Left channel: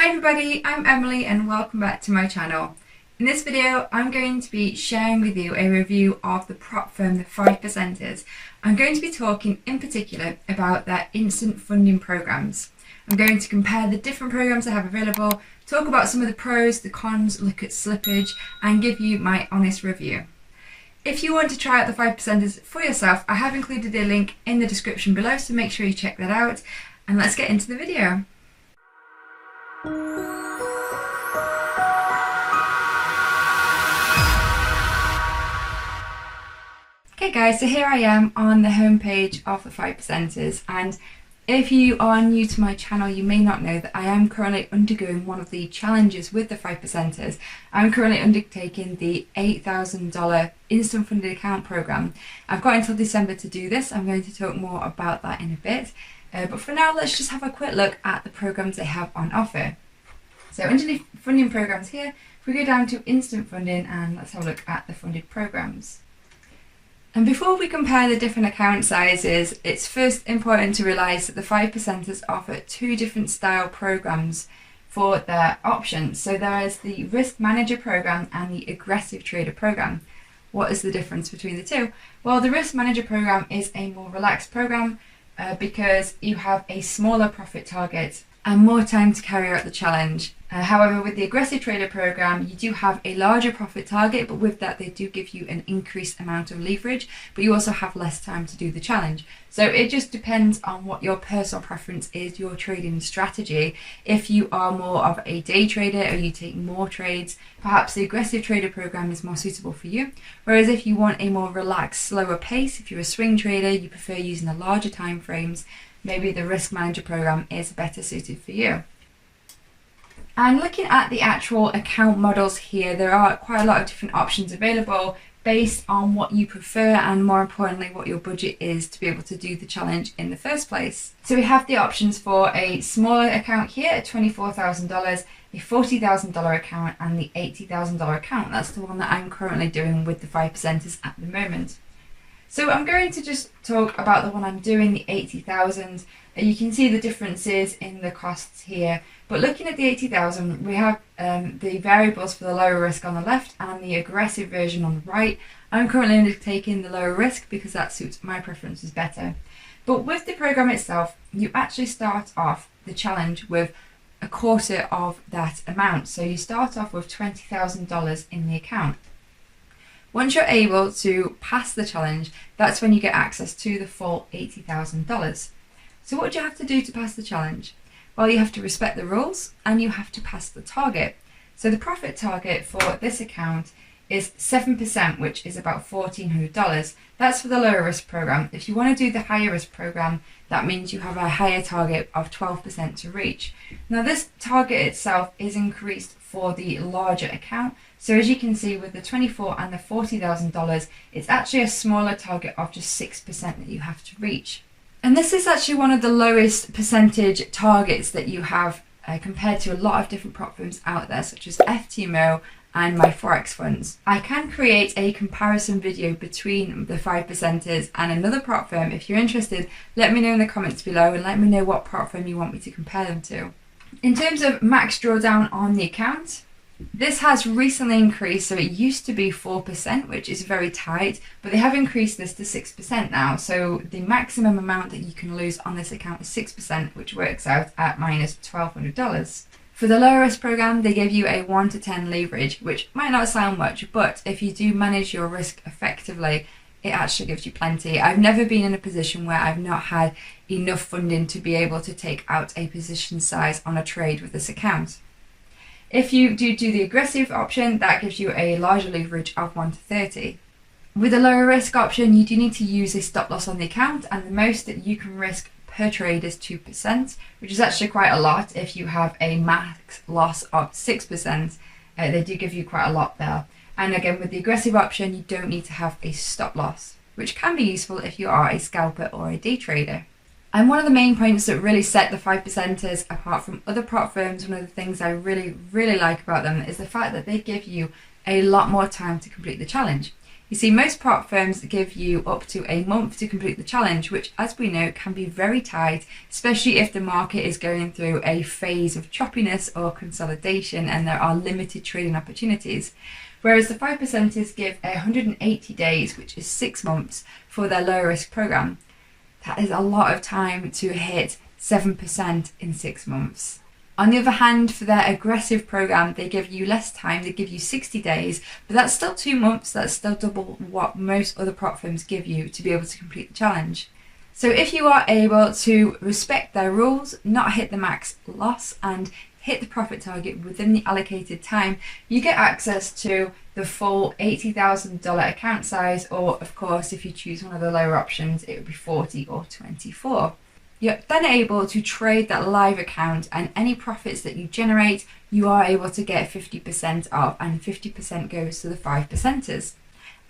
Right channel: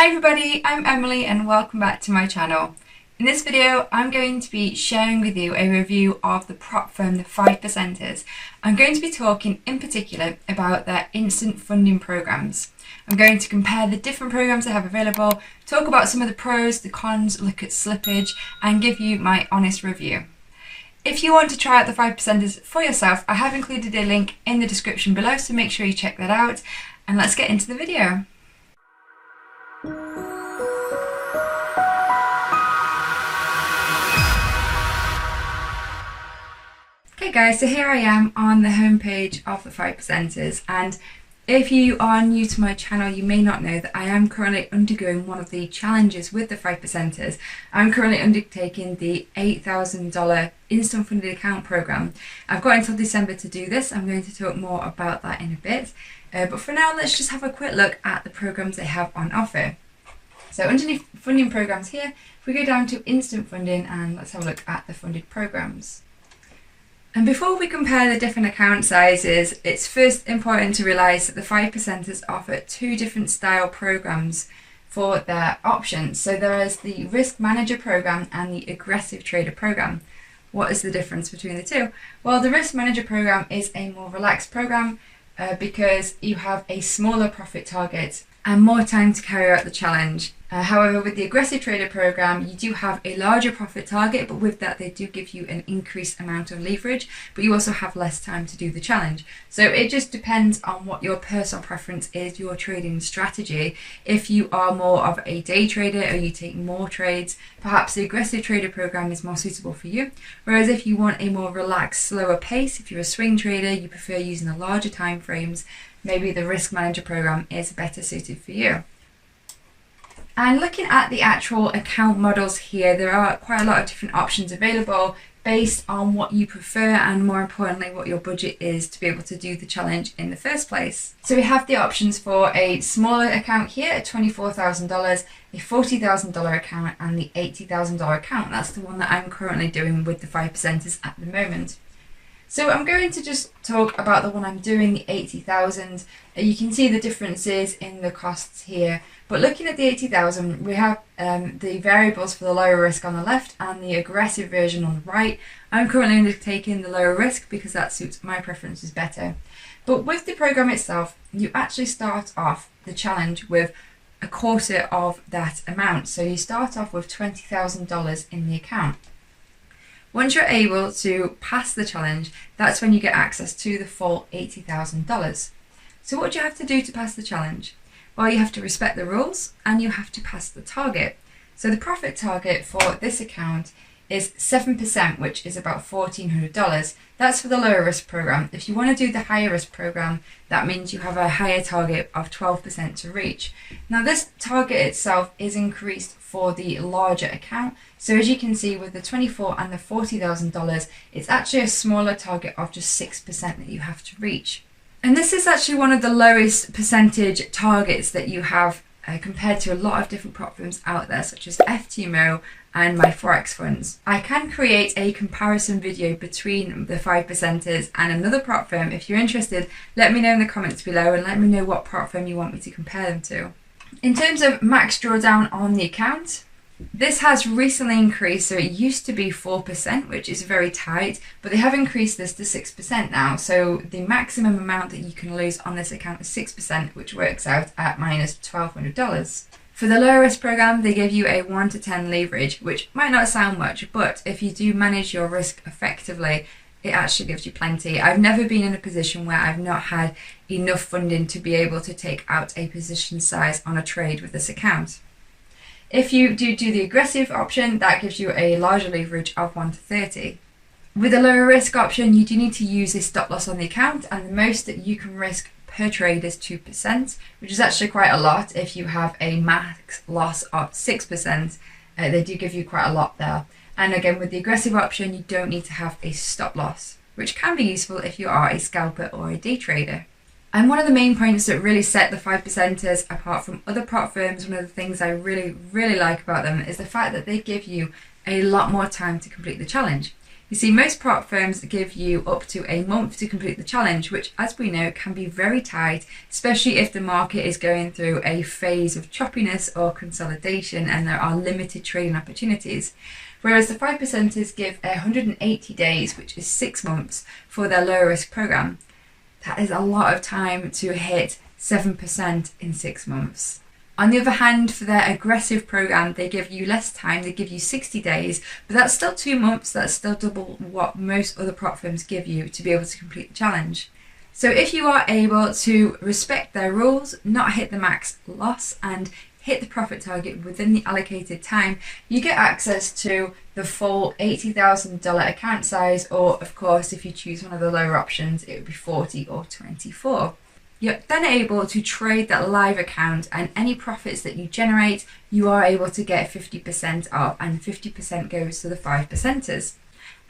Hi everybody, I'm Emily and welcome back to my channel. In this video, I'm going to be sharing with you a review of the prop firm, the 5%ers. I'm going to be talking in particular about their instant funding programs. I'm going to compare the different programs they have available, talk about some of the pros, the cons, look at slippage, and give you my honest review. If you want to try out the 5%ers for yourself, I have included a link in the description below, so make sure you check that out. And let's get into the video. Okay guys, so here I am on the homepage of the 5%ers, and if you are new to my channel, you may not know that I am currently undergoing one of the challenges with the 5%ers. I'm currently undertaking the $8,000 instant funded account program. I've got until December to do this. I'm going to talk more about that in a bit. But for now, let's just have a quick look at the programs they have on offer. So underneath funding programs here, if we go down to instant funding, and let's have a look at the funded programs. And before we compare the different account sizes, it's first important to realise that the 5%ers offer two different style programs for their options. So there is the Risk Manager program and the Aggressive Trader program. What is the difference between the two? Well, the Risk Manager program is a more relaxed program because you have a smaller profit target and more time to carry out the challenge. However, with the Aggressive Trader program, you do have a larger profit target, but with that they do give you an increased amount of leverage, but you also have less time to do the challenge. So it just depends on what your personal preference is, your trading strategy. If you are more of a day trader or you take more trades, perhaps the Aggressive Trader program is more suitable for you. Whereas if you want a more relaxed, slower pace, if you're a swing trader, you prefer using the larger time frames, maybe the Risk Manager program is better suited for you. And looking at the actual account models here, there are quite a lot of different options available based on what you prefer and, more importantly, what your budget is to be able to do the challenge in the first place. So we have the options for a smaller account here at $24,000, a $40,000 account, and the $80,000 account. That's the one that I'm currently doing with the 5%ers at the moment. So I'm going to just talk about the one I'm doing, the 80,000. You can see the differences in the costs here. But looking at the 80,000, we have the variables for the lower risk on the left and the aggressive version on the right. I'm currently undertaking the lower risk because that suits my preferences better. But with the program itself, you actually start off the challenge with a quarter of that amount. So you start off with $20,000 in the account. Once you're able to pass the challenge, that's when you get access to the full $80,000. So what do you have to do to pass the challenge? Well, you have to respect the rules and you have to pass the target. So the profit target for this account is 7%, which is about $1,400. That's for the lower risk program. If you want to do the higher risk program, that means you have a higher target of 12% to reach. Now this target itself is increased for the larger account. So as you can see with the $24,000 and the $40,000, it's actually a smaller target of just 6% that you have to reach. And this is actually one of the lowest percentage targets that you have compared to a lot of different prop firms out there, such as FTMO and my Forex funds. I can create a comparison video between the 5%ers and another prop firm. If you're interested, let me know in the comments below and let me know what prop firm you want me to compare them to. In terms of max drawdown on the account, this has recently increased, so it used to be 4%, which is very tight, but they have increased this to 6% now. So the maximum amount that you can lose on this account is 6%, which works out at minus $1,200. For the lower risk program, they give you a 1 to 10 leverage, which might not sound much, but if you do manage your risk effectively, it actually gives you plenty. I've never been in a position where I've not had enough funding to be able to take out a position size on a trade with this account. If you do the aggressive option, that gives you a larger leverage of 1 to 30. With the lower risk option, you do need to use a stop loss on the account, and the most that you can risk per trade is 2%, which is actually quite a lot. If you have a max loss of 6%, they do give you quite a lot there. And again, with the aggressive option, you don't need to have a stop loss, which can be useful if you are a scalper or a day trader. And one of the main points that really set the 5%ers apart from other prop firms, one of the things I really like about them, is the fact that they give you a lot more time to complete the challenge. You see, most prop firms give you up to a month to complete the challenge, which, as we know, can be very tight, especially if the market is going through a phase of choppiness or consolidation and there are limited trading opportunities. Whereas the 5%ers give 180 days, which is 6 months, for their lower risk program. That is a lot of time to hit 7% in 6 months. On the other hand, for their aggressive program, they give you less time, they give you 60 days, but that's still 2 months, that's still double what most other prop firms give you to be able to complete the challenge. So if you are able to respect their rules, not hit the max loss, and hit the profit target within the allocated time, you get access to the full $80,000 account size, or of course, if you choose one of the lower options, it would be 40 or 24. You're then able to trade that live account, and any profits that you generate, you are able to get 50% of, and 50% goes to the 5%ers.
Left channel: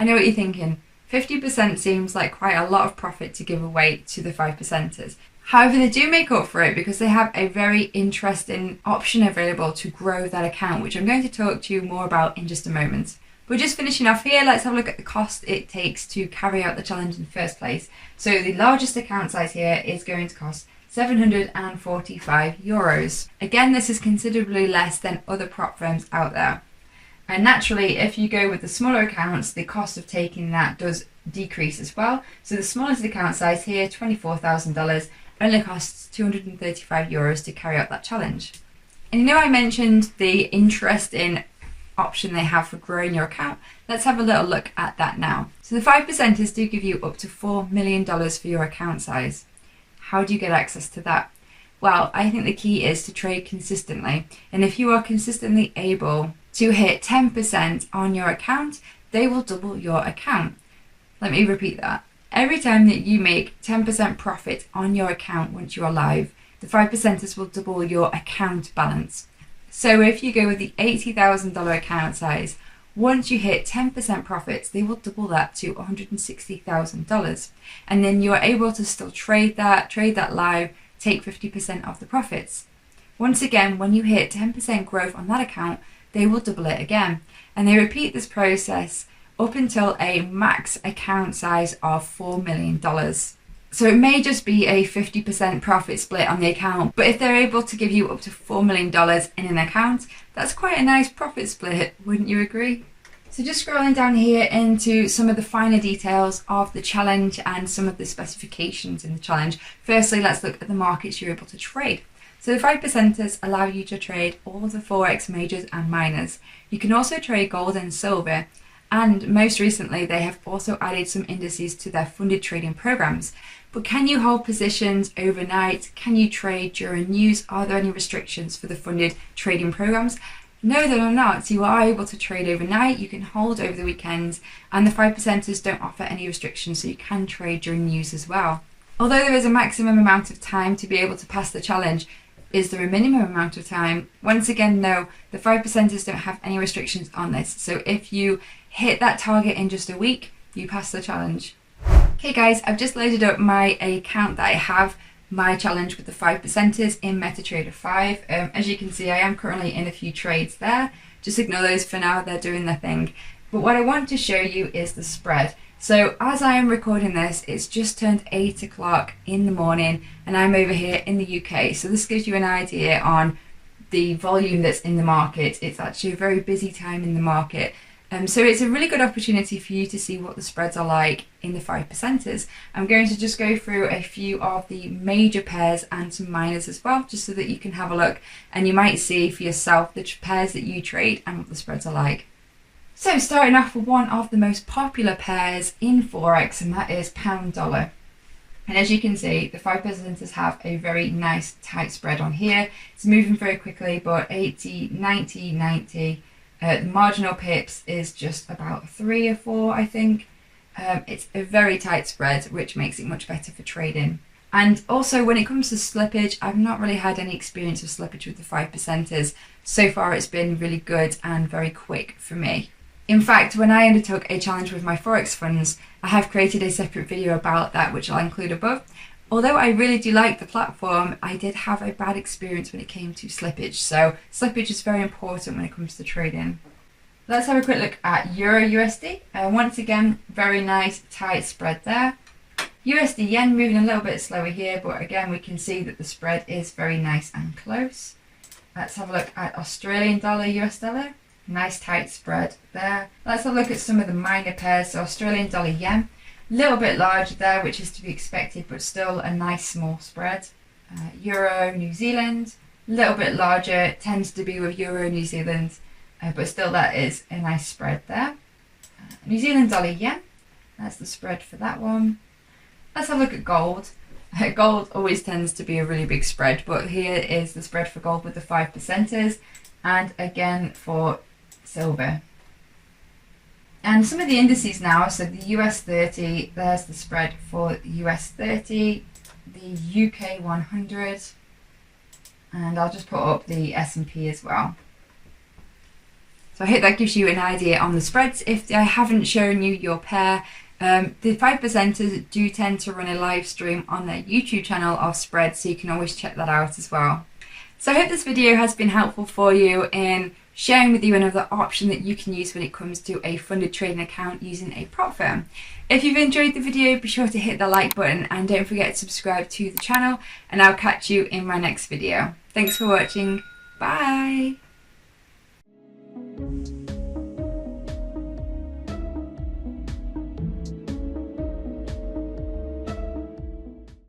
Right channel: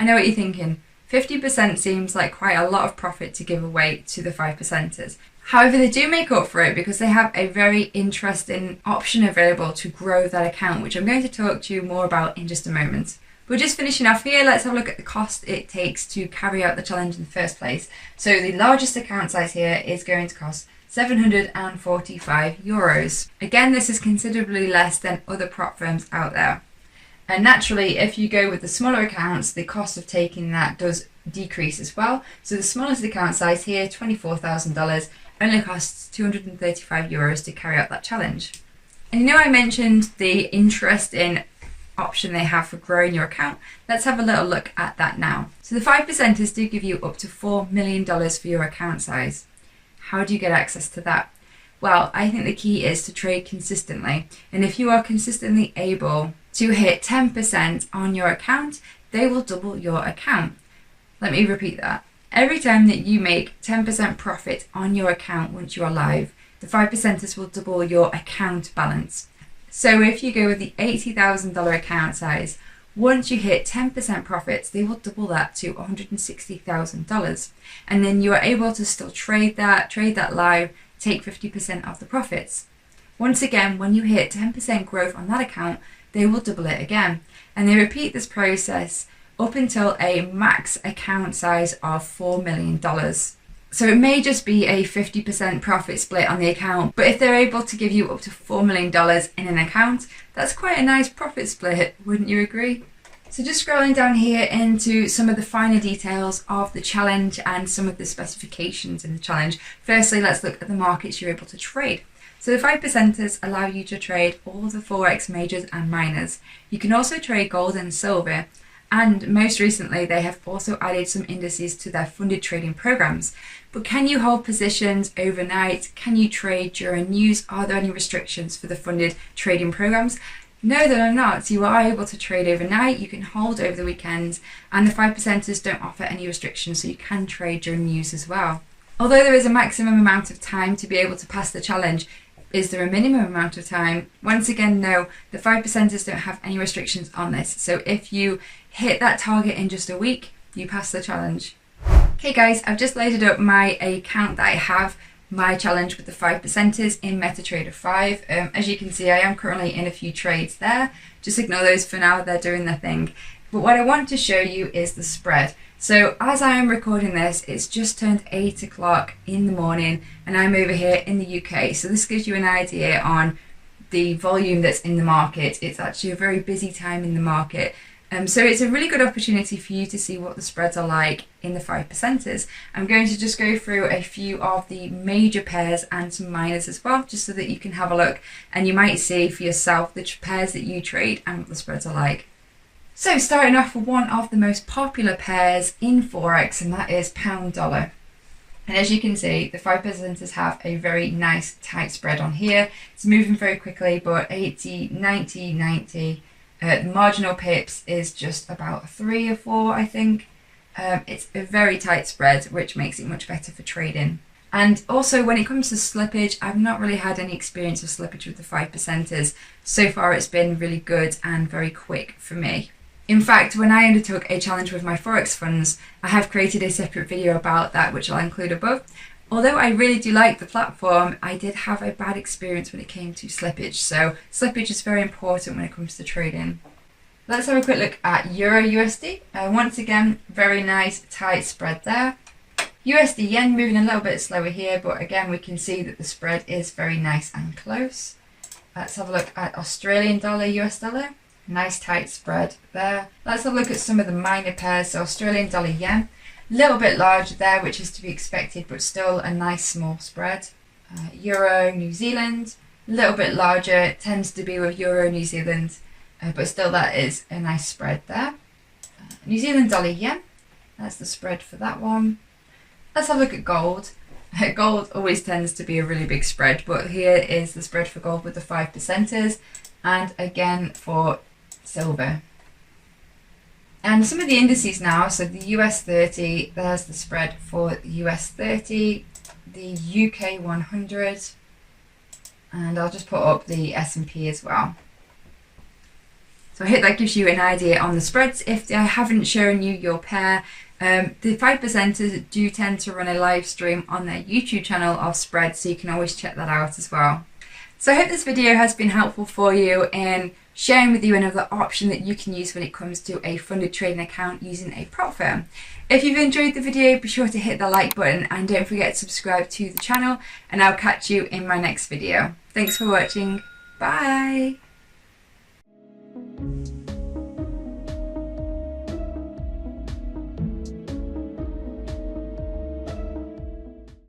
I know what you're thinking, 50% seems like quite a lot of profit to give away to the 5%ers. However, they do make up for it because they have a very interesting option available to grow that account, which I'm going to talk to you more about in just a moment. We're just finishing off here. Let's have a look at the cost it takes to carry out the challenge in the first place. So the largest account size here is going to cost €745. Again, this is considerably less than other prop firms out there. And naturally, if you go with the smaller accounts, the cost of taking that does decrease as well. So the smallest account size here, $24,000, only costs €235 to carry out that challenge. And you know I mentioned the interesting option they have for growing your account. Let's have a little look at that now. So the 5%ers do give you up to $4 million for your account size. How do you get access to that? Well, I think the key is to trade consistently. And if you are consistently able to hit 10% on your account, they will double your account. Let me repeat that. Every time that you make 10% profit on your account once you are live, the 5%ers will double your account balance. So if you go with the $80,000 account size, once you hit 10% profits, they will double that to $160,000. And then you are able to still trade that live, take 50% of the profits. Once again, when you hit 10% growth on that account, they will double it again. And they repeat this process up until a max account size of $4 million. So it may just be a 50% profit split on the account, but if they're able to give you up to $4 million in an account, that's quite a nice profit split, wouldn't you agree? So just scrolling down here into some of the finer details of the challenge and some of the specifications in the challenge. Firstly, let's look at the markets you're able to trade. So the 5%ers allow you to trade all of the Forex majors and minors. You can also trade gold and silver. And most recently, they have also added some indices to their funded trading programs. But can you hold positions overnight? Can you trade during news? Are there any restrictions for the funded trading programs? No, there are not. You are able to trade overnight, you can hold over the weekends, and the 5%ers don't offer any restrictions, so you can trade during news as well. Although there is a maximum amount of time to be able to pass the challenge, is there a minimum amount of time? Once again, no, the 5%ers don't have any restrictions on this. So if you hit that target in just a week, you pass the challenge. Okay guys, I've just loaded up my account that I have my challenge with the 5%ers in MetaTrader 5. As you can see, I am currently in a few trades there. Just ignore those for now, they're doing their thing. But what I want to show you is the spread. So as I am recording this, it's just turned 8 o'clock in the morning and I'm over here in the UK. So this gives you an idea on the volume that's in the market. It's actually a very busy time in the market. So it's a really good opportunity for you to see what the spreads are like in the 5%ers. I'm going to just go through a few of the major pairs and some minors as well, just so that you can have a look and you might see for yourself the pairs that you trade and what the spreads are like. So starting off with one of the most popular pairs in Forex, and that is pound dollar. And as you can see, the 5%ers have a very nice tight spread on here. It's moving very quickly, but 80, 90, 90. The marginal pips is just about 3 or 4, I think. It's a very tight spread, which makes it much better for trading. And also when it comes to slippage, I've not really had any experience of slippage with the 5%ers. So far it's been really good and very quick for me. In fact, when I undertook a challenge with my Forex funds, I have created a separate video about that, which I'll include above. Although I really do like the platform, I did have a bad experience when it came to slippage. So slippage is very important when it comes to trading. Let's have a quick look at Euro USD. Once again, very nice tight spread there. USD Yen moving a little bit slower here, but again we can see that the spread is very nice and close. Let's have a look at Australian dollar, US dollar. Nice tight spread there. Let's have a look at some of the minor pairs. So Australian dollar yen, a little bit larger there, which is to be expected, but still a nice small spread. Euro New Zealand, a little bit larger. It tends to be with Euro New Zealand, but still that is a nice spread there. New Zealand dollar yen, that's the spread for that one. Let's have a look at gold. Gold always tends to be a really big spread, but here is the spread for gold with the 5%ers, and again for silver. And some of the indices now, so the US 30, there's the spread for the US 30, the UK 100, and I'll just put up the S&P as well. So I hope that gives you an idea on the spreads. If I haven't shown you your pair, the 5%ers do tend to run a live stream on their YouTube channel of spreads, so you can always check that out as well. So I hope this video has been helpful for you in sharing with you another option that you can use when it comes to a funded trading account using a prop firm. If you've enjoyed the video, be sure to hit the like button and don't forget to subscribe to the channel, and I'll catch you in my next video. Thanks for watching. Bye.